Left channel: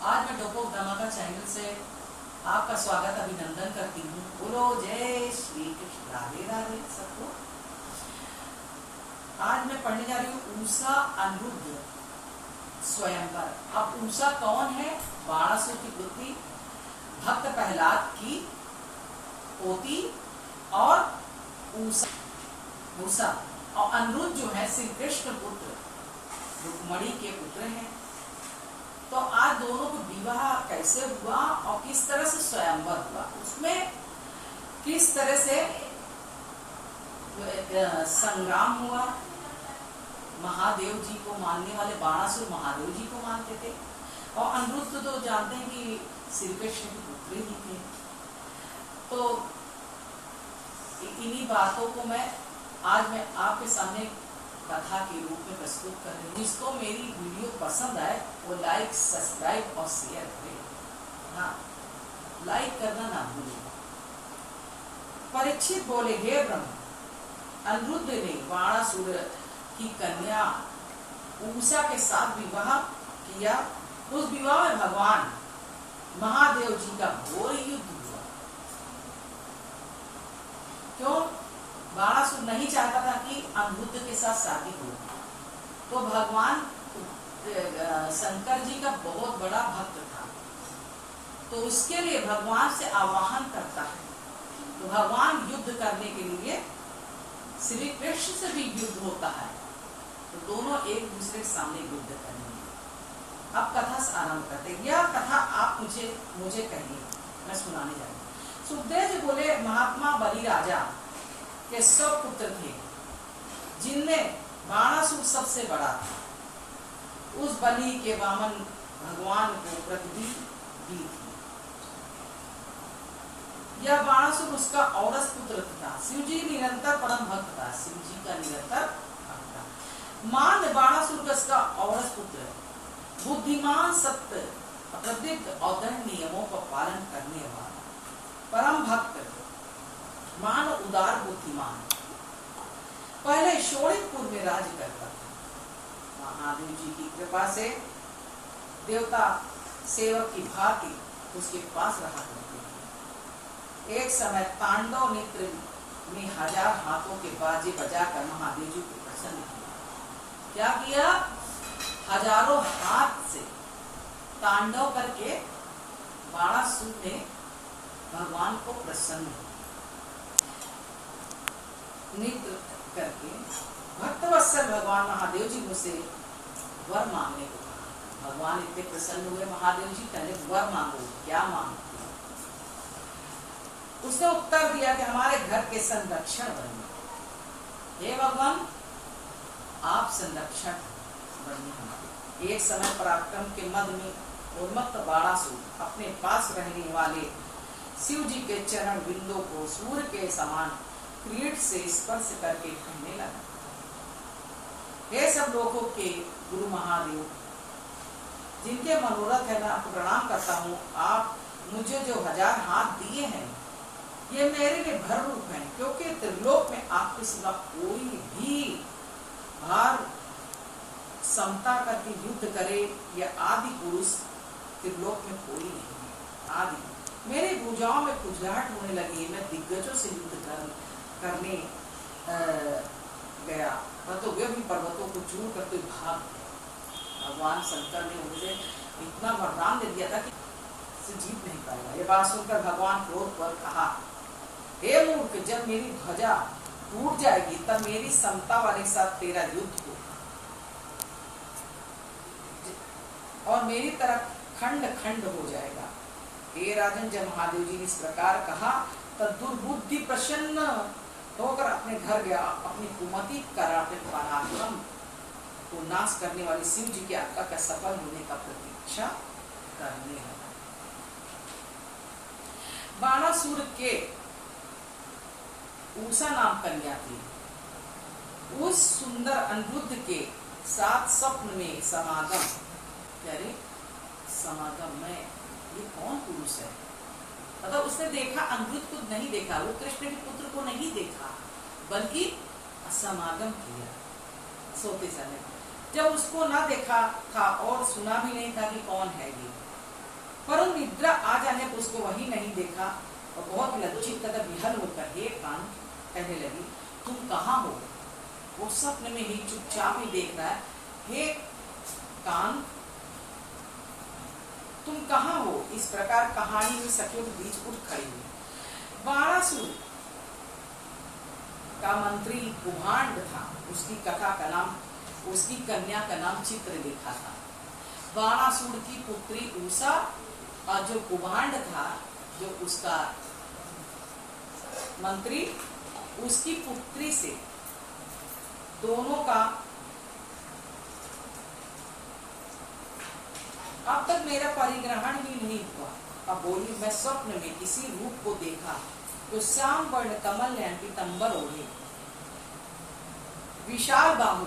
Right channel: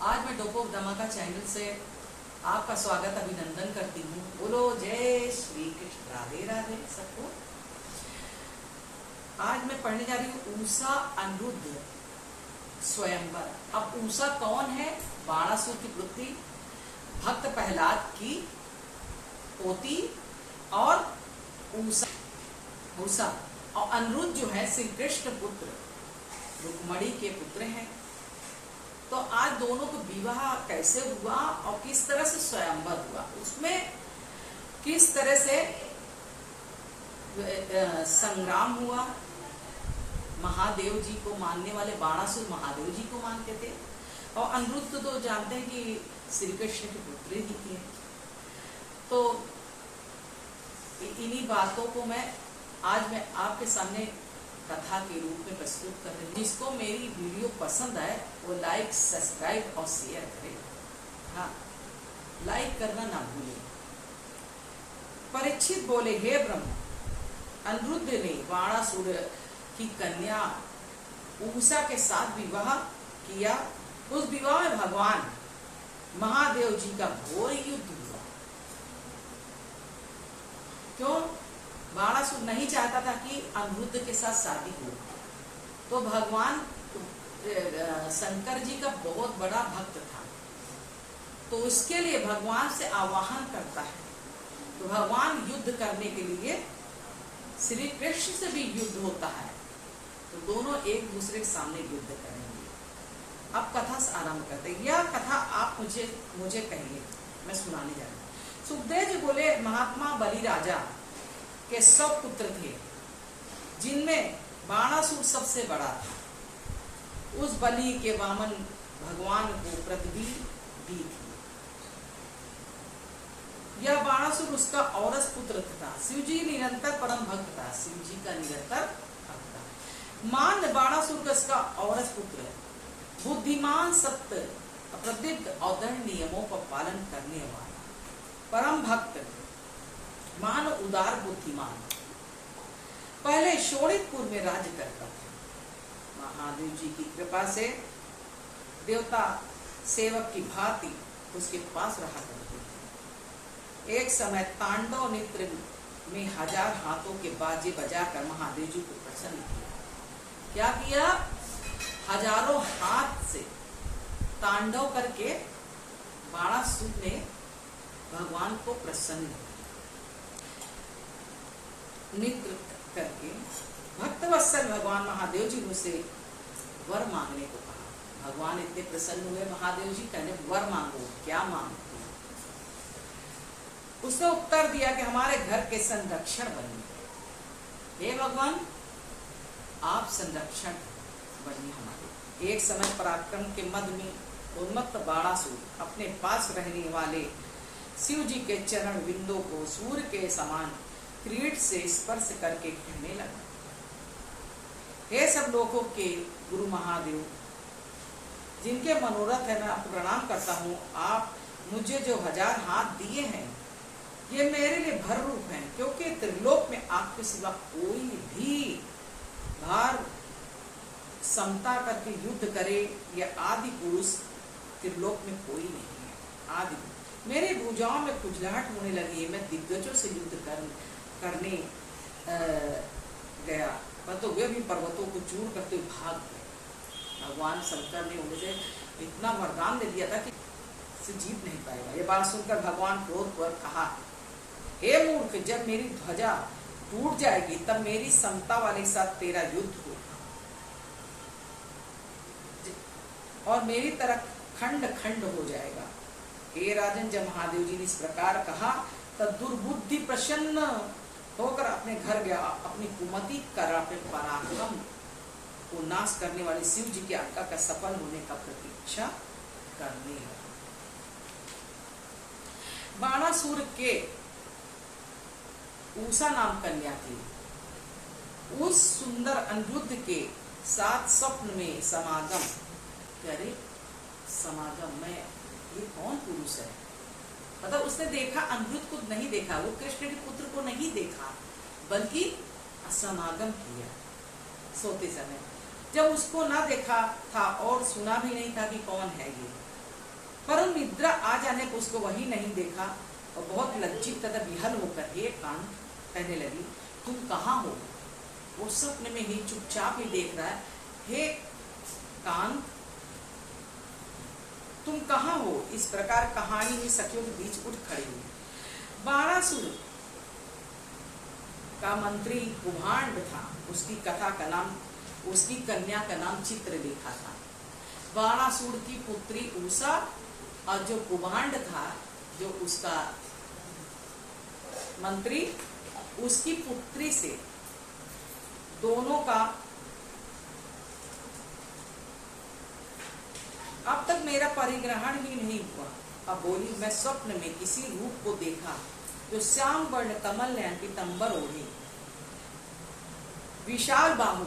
आज मैं डोपोक धमाका चैनल से आपका स्वागत अभिनंदन करती हूँ। बोलो जय श्री कृष्ण, राधे राधे सबको। आज मैं पढ़ने जा रही हूँ ऊषा अनिरुद्ध स्वयंवर। अब ऊषा कौन है? बाणासुर की पुत्री, भक्त प्रहलाद की पोती और ऊषा और अनिरुद्ध जो है श्री कृष्ण पुत्र रुक्मणी के पुत्र हैं। तो आज दोनों को विवाह कैसे हुआ और किस तरह से स्वयंवर हुआ, उसमें किस तरह से संग्राम हुआ। महादेव जी को मानने वाले बाणासुर महादेव जी को मानते थे और अनिरुद्ध तो जानते हैं कि श्री कृष्ण के पुत्र ही थे। तो इन्हीं बातों को आज मैं आपके सामने कथा के रूप में प्रस्तुत कर रही हूँ। जिसको मेरी वीडियो पसंद आए वो लाइक, सब्सक्राइब और शेयर करें। हाँ, लाइक करना ना भूलें। परीक्षित बोले, हे ब्रह्म, अनिरुद्ध ने बाणासुर की कन्या ऊषा के साथ विवाह किया। उस विवाह में भगवान महादेव जी का घोर युद्ध हुआ। क्यों? बाणासुर नहीं चाहता था कि अनिरुद्ध के साथ शादी हो। तो भगवान शंकर जी का बहुत बड़ा भक्त था, तो उसके लिए भगवान से आवाहन करता है। तो भगवान युद्ध करने के लिए श्री कृष्ण से भी युद्ध होता है। तो दोनों एक दूसरे के सामने युद्ध करेंगे। अब कथा से आरंभ करते हैं। यह कथा आप मुझे कहिए, मैं सुनाने जा रही हूँ। सुखदेव जी बोले, महात्मा बलि राजा के सब पुत्र थे, जिनमें बाणासुर सबसे बड़ा था। उस बलि के वामन भगवान को पृथ्वी दी थी। यह बाणासुर उसका औरस पुत्र था। शिव जी निरंतर परम भक्त था। शिव जी का निरंतर भक्त था। मान बाणासुर का उसका औरस पुत्र, बुद्धिमान, सत्य, अप्रतिज्ञ और दृढ़ नियमों का पालन करने वाला, परम भक्त, मान उदार, बुद्धिमान, पहले शोणितपुर में राज्य करता था। महादेव जी की कृपा से देवता सेवक की भांति उसके पास रहा करते थे। एक समय तांडव नृत्य में 1000 हाथों के बाजे बजाकर महादेव जी को प्रसन्न किया। क्या किया? हजारों हाथ से तांडव करके बाणासुर ने भगवान को प्रसन्न किया। नृत्य करके भक्तवत्सल भगवान महादेव जी मुझसे वर मांगने को कहा। भगवान इतने प्रसन्न हुए महादेव जी, पहले वर मांगो, क्या मांगते हो? उसने उत्तर दिया कि हमारे घर के संरक्षण बनिए। हे भगवान, आप संरक्षण बनिए हमारे। एक समय पराक्रम के मद में उन्मत्त बाणासुर अपने पास रहने वाले शिव जी के चरण बिंदों को सूर्य के समान क्रीट से स्पर्श करके कहने लगा, हे सब लोगों के गुरु महादेव, जिनके मनोरथ है, मैं आपको प्रणाम करता हूँ। आप मुझे जो 1000 हाथ दिए हैं, ये मेरे लिए भर रूप है, क्योंकि त्रिलोक में आपके सिवा कोई भी भार समता करके युद्ध करे या आदि पुरुष त्रिलोक में कोई नहीं है। आदि मेरे भुजाओं में खुजलाहट होने लगी। मैं दिग्गजों से युद्ध करने गया, परंतु वे भी पर्वतों को चूर करते भाग गए। भगवान शंकर ने मुझे इतना वरदान दे दिया था कि से जीत नहीं पाएगा। ये बात सुनकर भगवान क्रोध पर कहा, हे मूर्ख, जब मेरी ध्वजा टूट जाएगी तब मेरी समता वाले के साथ तेरा युद्ध होगा और मेरी तरह खंड खंड हो जाएगा। हे राजन, जब महादेव जी ने इस प्रकार कहा तब दुर्बुद्धि प्रसन्न होकर अपने घर गया। अपनी कुमति कर अपने पराक्रम को नाश करने वाले शिव जी की आज्ञा का सफल होने का प्रतीक्षा करने लगा। बाणासुर के ऊषा नाम कन्या थी। उस सुंदर अनिरुद्ध के साथ स्वप्न में समागम में ये कौन पुरुष है? मतलब उसने देखा, अनिरुद्ध को नहीं देखा, वो कृष्ण के पुत्र को नहीं देखा, बल्कि समागम किया सोते समय। जब उसको ना देखा था और सुना भी नहीं था कि कौन है ये, परंतु निद्रा आ जाने पर उसको वही नहीं देखा और बहुत लज्जित तथा विहल होकर हे कान कहने लगी, तुम कहाँ हो? वो स्वप्न में ही चुपचाप ही देख रहा है। हे कान, तुम कहाँ हो? इस प्रकार कहानी में सखियों के बीच उठ खड़ी हुई। बाणासुर का मंत्री कुभांड था, उसकी कथा का नाम, उसकी कन्या का नाम चित्रलेखा था। बाणासुर की पुत्री उषा और जो कुभांड था, जो उसका मंत्री, उसकी पुत्री से दोनों का अब तक मेरा परिग्रहण ही नहीं हुआ। अब बोली, मैं स्वप्न में किसी रूप को देखा जो श्याम वर्ण कमल नयन पीतंबर ओढ़े, विशाल बाहु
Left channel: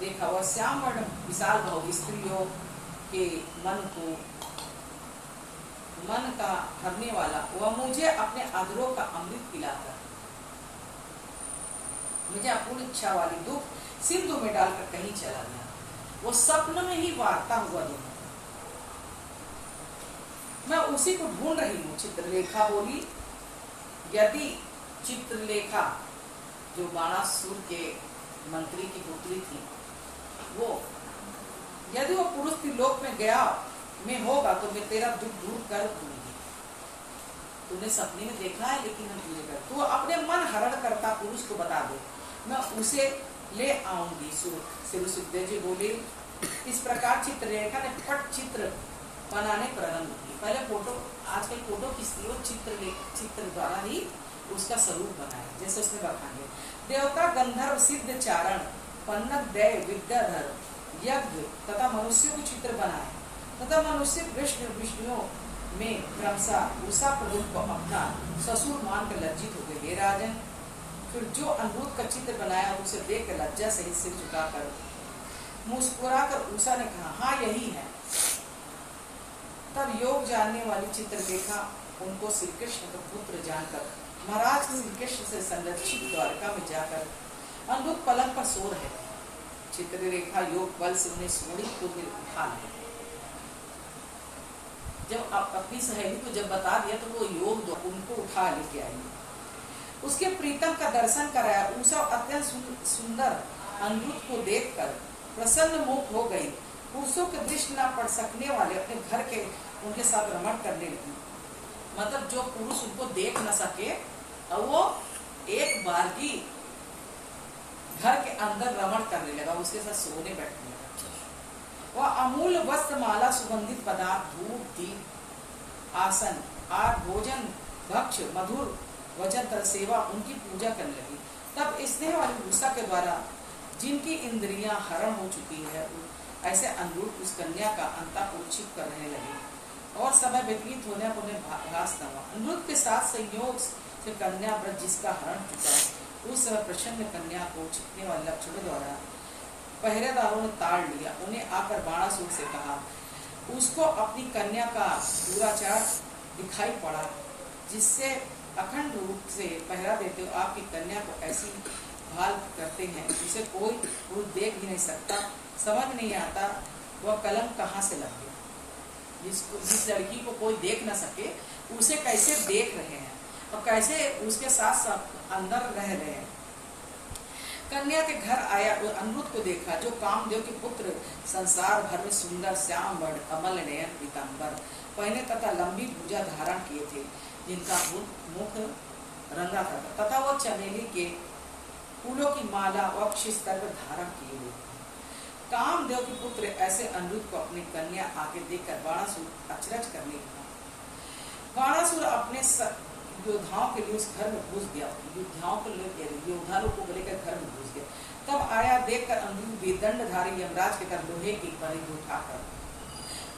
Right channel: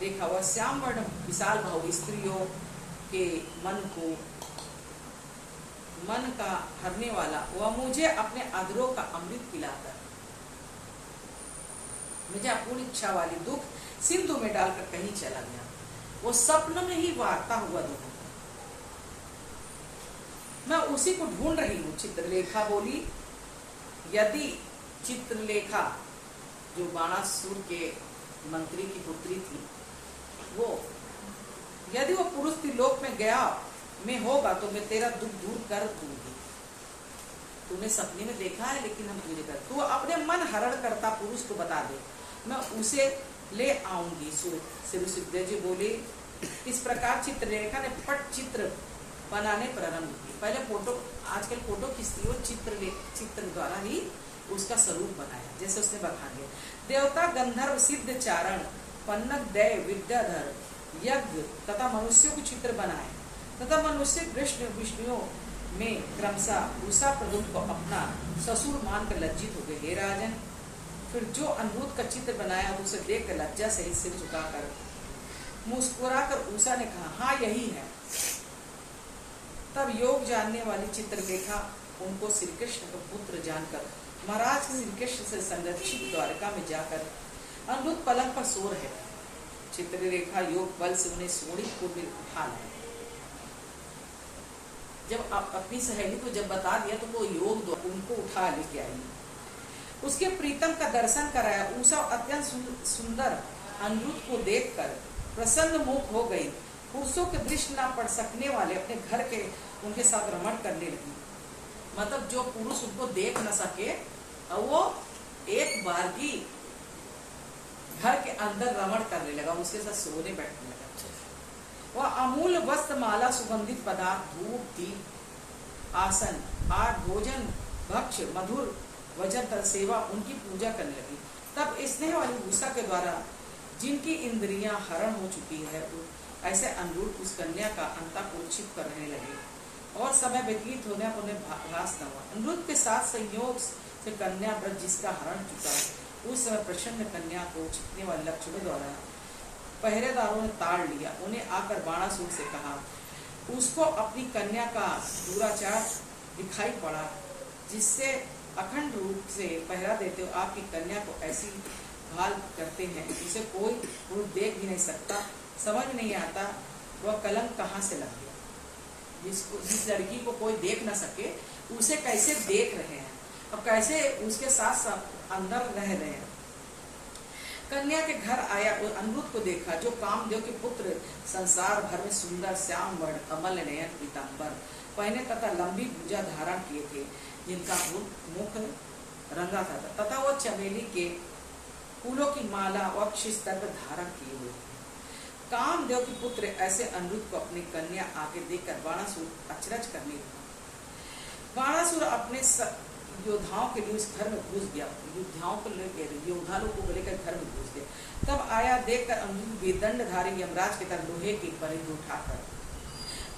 देखा। वह श्याम वर्ण विशाल बाहु स्त्रियों के मन का हरने वाला, वह मुझे अपने अधरों का अमृत पिलाकर मुझे अपूर्ण इच्छा वाली दुख सिंधु में डालकर कहीं चला गया। वो स्वप्न में ही वार्ता हुआ दोनों, मैं उसी को ढूंढ रही हूँ। चित्रलेखा बोली, यदि चित्रलेखा जो बाणासुर के मंत्री की पुत्री थी, वो यदि वो पुरुष त्रिलोक में गया में होगा तो मैं तेरा दुख दूर कर दूंगी। तूने सपने में देखा है, लेकिन हम तुझे कर, तू अपने मन हरण करता पुरुष को बता दे, मैं उसे ले आऊंगी। सुखदेव जी बोले, इस प्रकार चित्रलेखा ने पट चित्र बनाने प्रारंभ की। पहले फोटो, आजकल फोटो खींचती हो, चित्र द्वारा ही उसका स्वरूप बनाया, जैसे उसने बखान दिया। देवता गंधर्व सिद्ध चारण पन्नग दैव विद्याधर यज्ञ तथा मनुष्यों के चित्र बनाए तथा मनुष्य कृष्ण विष्णुओं में क्रमशः उषा प्रभु को अपना ससुर मानकर लज्जित हो गए। हे राजन, फिर जो अनिरुद्ध का चित्र बनाया उसे देखकर लज्जा सहित सिर झुकाकर मुस्कुराकर उषा ने कहा, हाँ यही है। तब योग जानने वाली चित्रलेखा उनको श्री कृष्ण का पुत्र जानकर महाराज श्री कृष्ण से संरक्षित द्वारका में जाकर अनिरुद्ध पलंग पर सो रहे थे। चित्रलेखा योग बल से उन्हें सोनीतपुर में उठा लाए। जब अपनी सहेली को जब बता दिया तो वो योग दो उनको उठा लेके आई, उसके प्रीतम का दर्शन कराया। उषा अत्यंत सुंदर अनिरुद्ध को देखकर प्रसन्न मुख हो गई। पुरुषों के दृष्टि न पड़ सकने वाले अपने घर के उनके साथ रमण करने लगी। मतलब जो पुरुष उनको देख न सके और वो एक बार की घर के अंदर रमण करने लगा, उसके साथ सोने बैठने लगा। वह अमूल्य वस्त्र, माला, सुगंधित पदार्थ, धूप, दीप, आसन, आर, भोजन, भक्ष, मधुर वचन कर सेवा उनकी पूजा करने लगी। तब स्नेह वाली उषा के द्वारा जिनकी इंद्रियां हरण हो चुकी है, ऐसे अनिरुद्ध उस कन्या का अंतःपुर छिप कर रहने लगे और समय व्यतीत होने पर उन्हें भास न हुआ। अनिरुद्ध के साथ संयोग से कन्या व्रत जिसका हरण चुका, उस समय प्रसन्न कन्या को छिपने वाले लक्षणों द्वारा पहरेदारों ने ताड़ लिया। उन्हें आकर बाणासुर से कहा, उसको अपनी कन्या का दुराचार दिखाई पड़ा, जिससे अखंड रूप से पहरा देते हो आपकी कन्या को ऐसी भाल करते हैं, उसे कोई पुरुष देख भी नहीं सकता। समझ नहीं आता वह कलंक कहाँ से लग गया। जिस लड़की को कोई देख न सके उसे कैसे देख रहे हैं और कैसे उसके साथ साथ अंदर रह रहे हैं। कन्या के घर आया और अनिरुद्ध को देखा, जो कामदेव के पुत्र संसार भर में सुंदर श्याम वर्ण कमल नयन पीताम्बर पहने तथा लंबी भुजा धारण किए थे, जिनका मुख रंगा था तथा वह चमेली के फूलों की माला वक्ष स्तर पर धारण किए हुए थे। कामदेव के पुत्र ऐसे अनिरुद्ध को अपनी कन्या आगे देखकर बाणासुर अचरज करने लगा। बाणासुर अपने योद्धाओं के लिए उस घर में घुस गया, योद्धा लोग को लेकर घर में घुस गया। तब आया देखकर अनिरुद्ध बेदंडधारी यमराज के तरह लोहे की परिधि उठाकर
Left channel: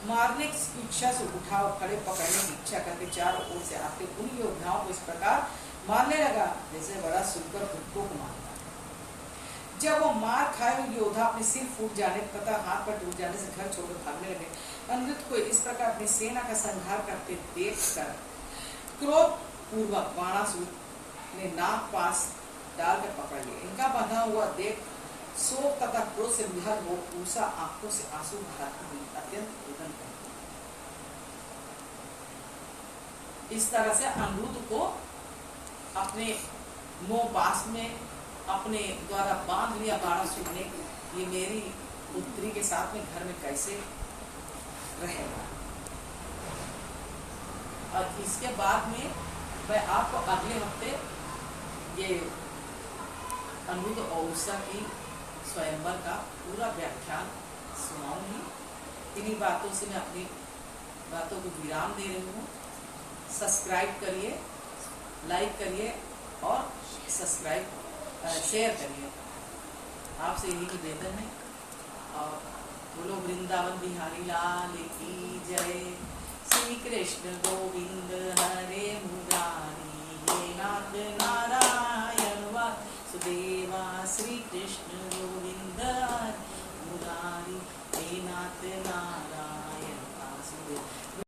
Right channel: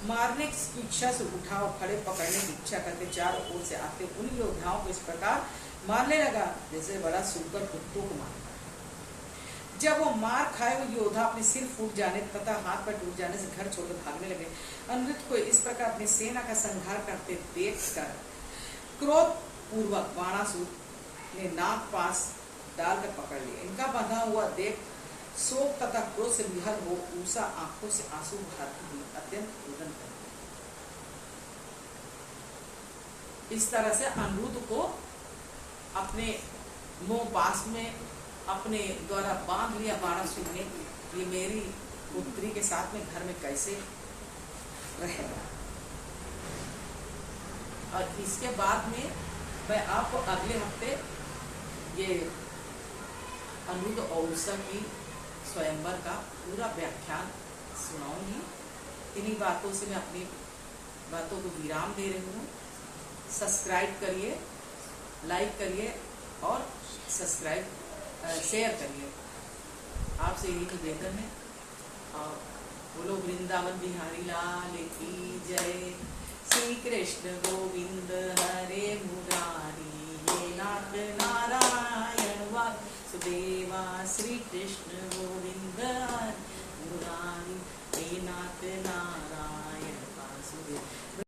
मारने की इच्छा से उठा और खड़े पकड़ने की इच्छा करके चारों ओर से आते उन योद्धाओं को इस प्रकार मारने लगा जैसे बड़ा सुनकर कुत्तों को मारता है। जब वो मार खाए हुए योद्धा अपने सिर फूट जाने तथा हाथ पर टूट जाने से घर छोड़कर भागने लगे। अनिरुद्ध को इस प्रकार अपनी सेना का संहार करते देखकर क्रोध पूर्वक बाणासुर ने नाग पास डालकर पकड़ लिया। इनका बंधा हुआ देख शोक तथा क्रोध से विहल हो उषा आंखों से आंसू बहाती हुई अत्यंत रुदन करती। इस तरह से अनिरुद्ध को अपने मोह पास में अपने द्वारा बांध लिया बाणासुर ने, ये मेरी पुत्री के साथ में घर में कैसे रहेगा। और इसके बाद में मैं आपको अगले हफ्ते ये अनिरुद्ध और उषा की स्वयंवर का पूरा व्याख्यान सुनाऊंगी। इन्हीं बातों से मैं अपनी बातों को विराम दे रही हूँ। सब्सक्राइब करिए, लाइक करिए और शेयर करिए, आपसे यही निवेदन है। और बोलो वृंदावन बिहारी लाल की जय। श्री कृष्ण गोविंद हरे मुरारी, हे नाथ नारायण वासुदेवा। श्री कृष्ण गोविंद हरे मुरारी, हे नाथ नारायण